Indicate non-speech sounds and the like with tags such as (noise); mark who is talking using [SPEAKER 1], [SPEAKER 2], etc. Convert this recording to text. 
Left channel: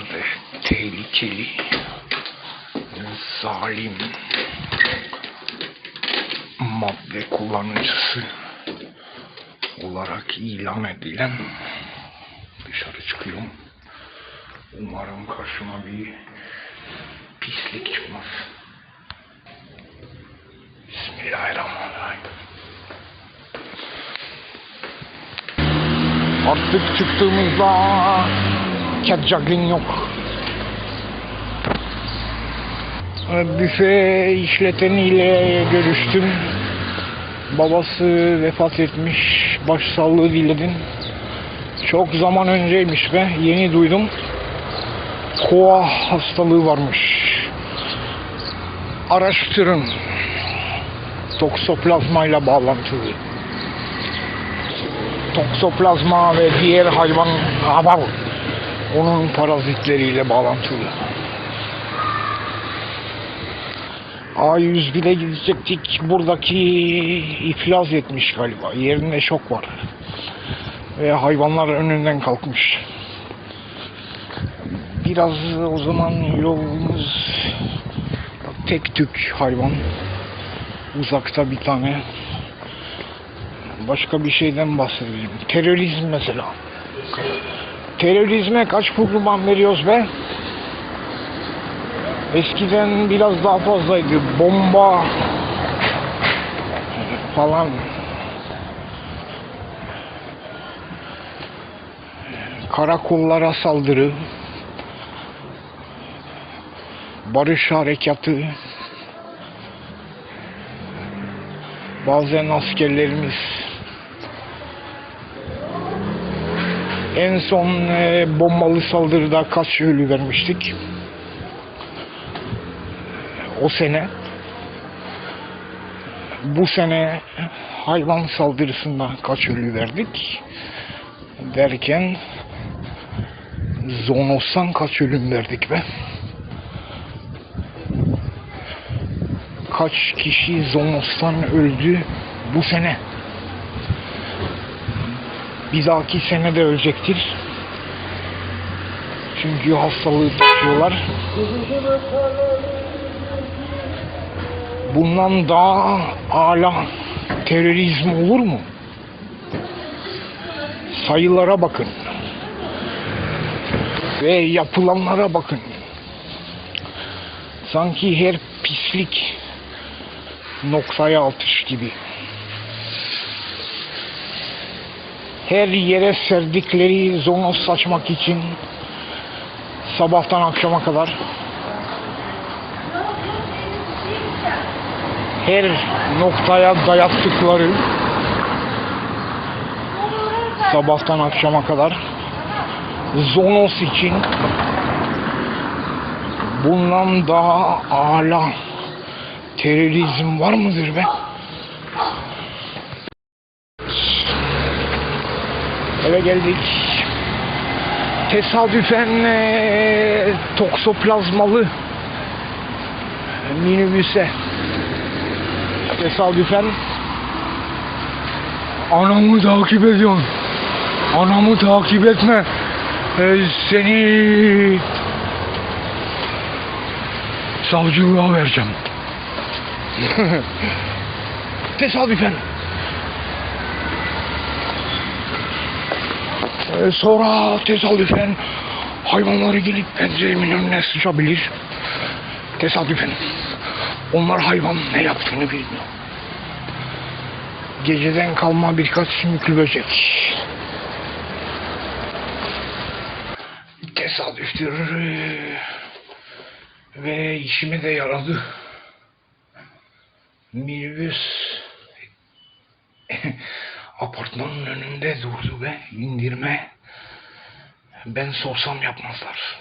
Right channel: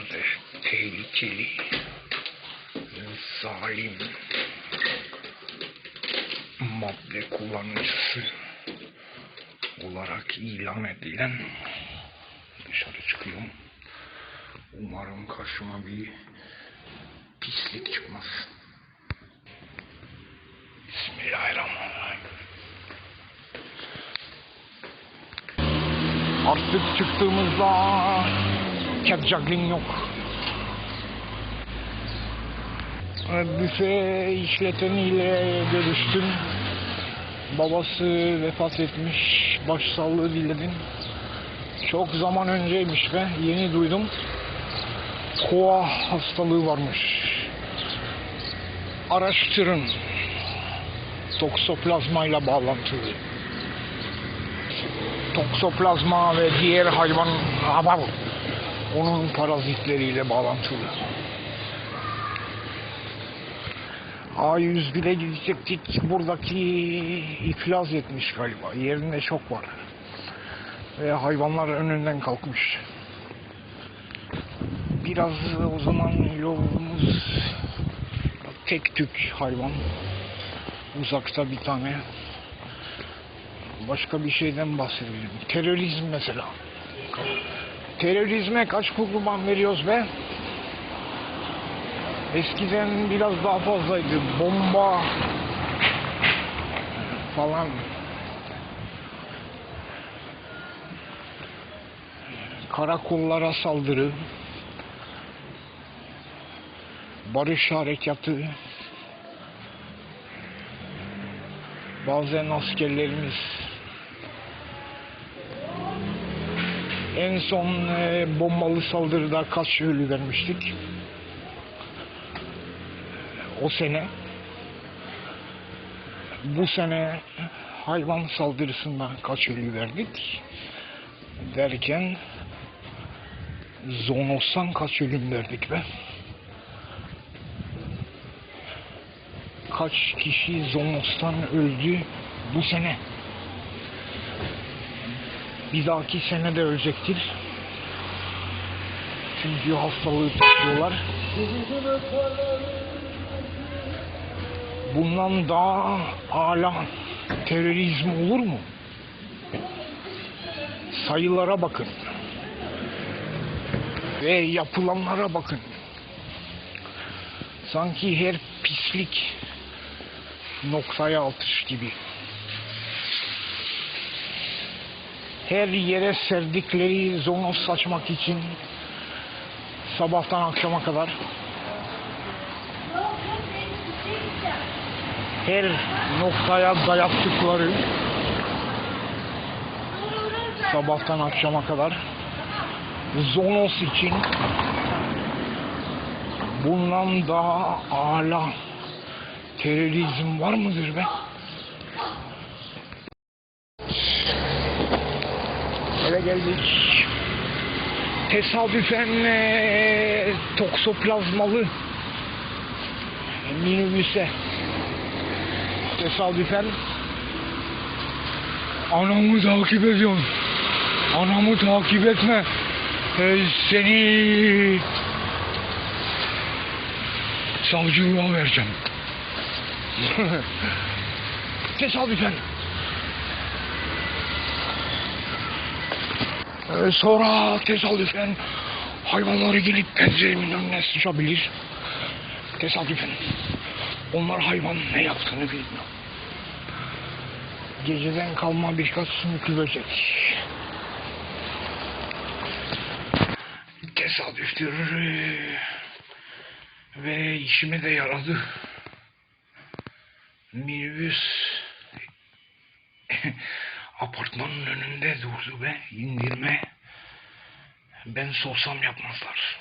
[SPEAKER 1] da tehlikeli, zalim, madde kullanıcısı olarak ilan edilen dışarı çıkıyorum. Umarım karşıma bir pislik çıkmaz. Bismillahirrahmanirrahim. Artık çıktığımızda cat juggling yok. Büfe işleteniyle görüştüm. Babası vefat etmiş. Başsağlığı diledim. Çok zaman önceymiş be. Yeni duydum. Koa hastalığı varmış. Araştırın. Toksoplazmayla bağlantılı. Toksoplazma ve diğer hayvan abar onun parazitleriyle bağlantılı. A101'e gidecektik. Buradaki iflas etmiş galiba. Yerinde şok var. Ve hayvanlar önünden kalkmış. Biraz o zaman yolumuz tek tük hayvan. Uzakta bir tane. Başka bir şeyden bahsedelim. Terörizm mesela. Terörizme kaç kurban veriyoruz be? Eskiden biraz daha fazlaydı. Bomba falan. Karakollara saldırı. Barış harekatı. Bazen askerlerimiz en son e, bombalı saldırıda kaç ölü vermiştik? o sene. Bu sene hayvan saldırısından kaç ölü verdik. Derken zonostan kaç ölüm verdik be. Kaç kişi zonostan öldü bu sene bir dahaki sene de ölecektir çünkü hastalığı taşıyorlar bundan daha ala terörizm olur mu? Sayılara bakın. Ve yapılanlara bakın. Sanki her pislik noktaya atış gibi. Her yere serdikleri zonos saçmak için sabahtan akşama kadar her noktaya dayattıkları sabahtan akşama kadar Zonos için bundan daha ala terörizm var mıdır be? Eve geldik. Tesadüfen eee, toksoplazmalı minibüse tesadüfen anamı takip ediyorsun. Anamı takip etme. Ee, seni savcılığa vereceğim. (laughs) tesadüfen. Ee, sonra tesadüfen hayvanları gelip penceremin önüne sıçabilir. Tesadüfen. Onlar hayvan ne yaptığını bilmiyor. Geceden kalma birkaç sümüklü böcek. Tesadüftür. Ve işime de yaradı. Minibüs (laughs) apartmanın önünde durdu ve indirme. Ben sorsam yapmazlar.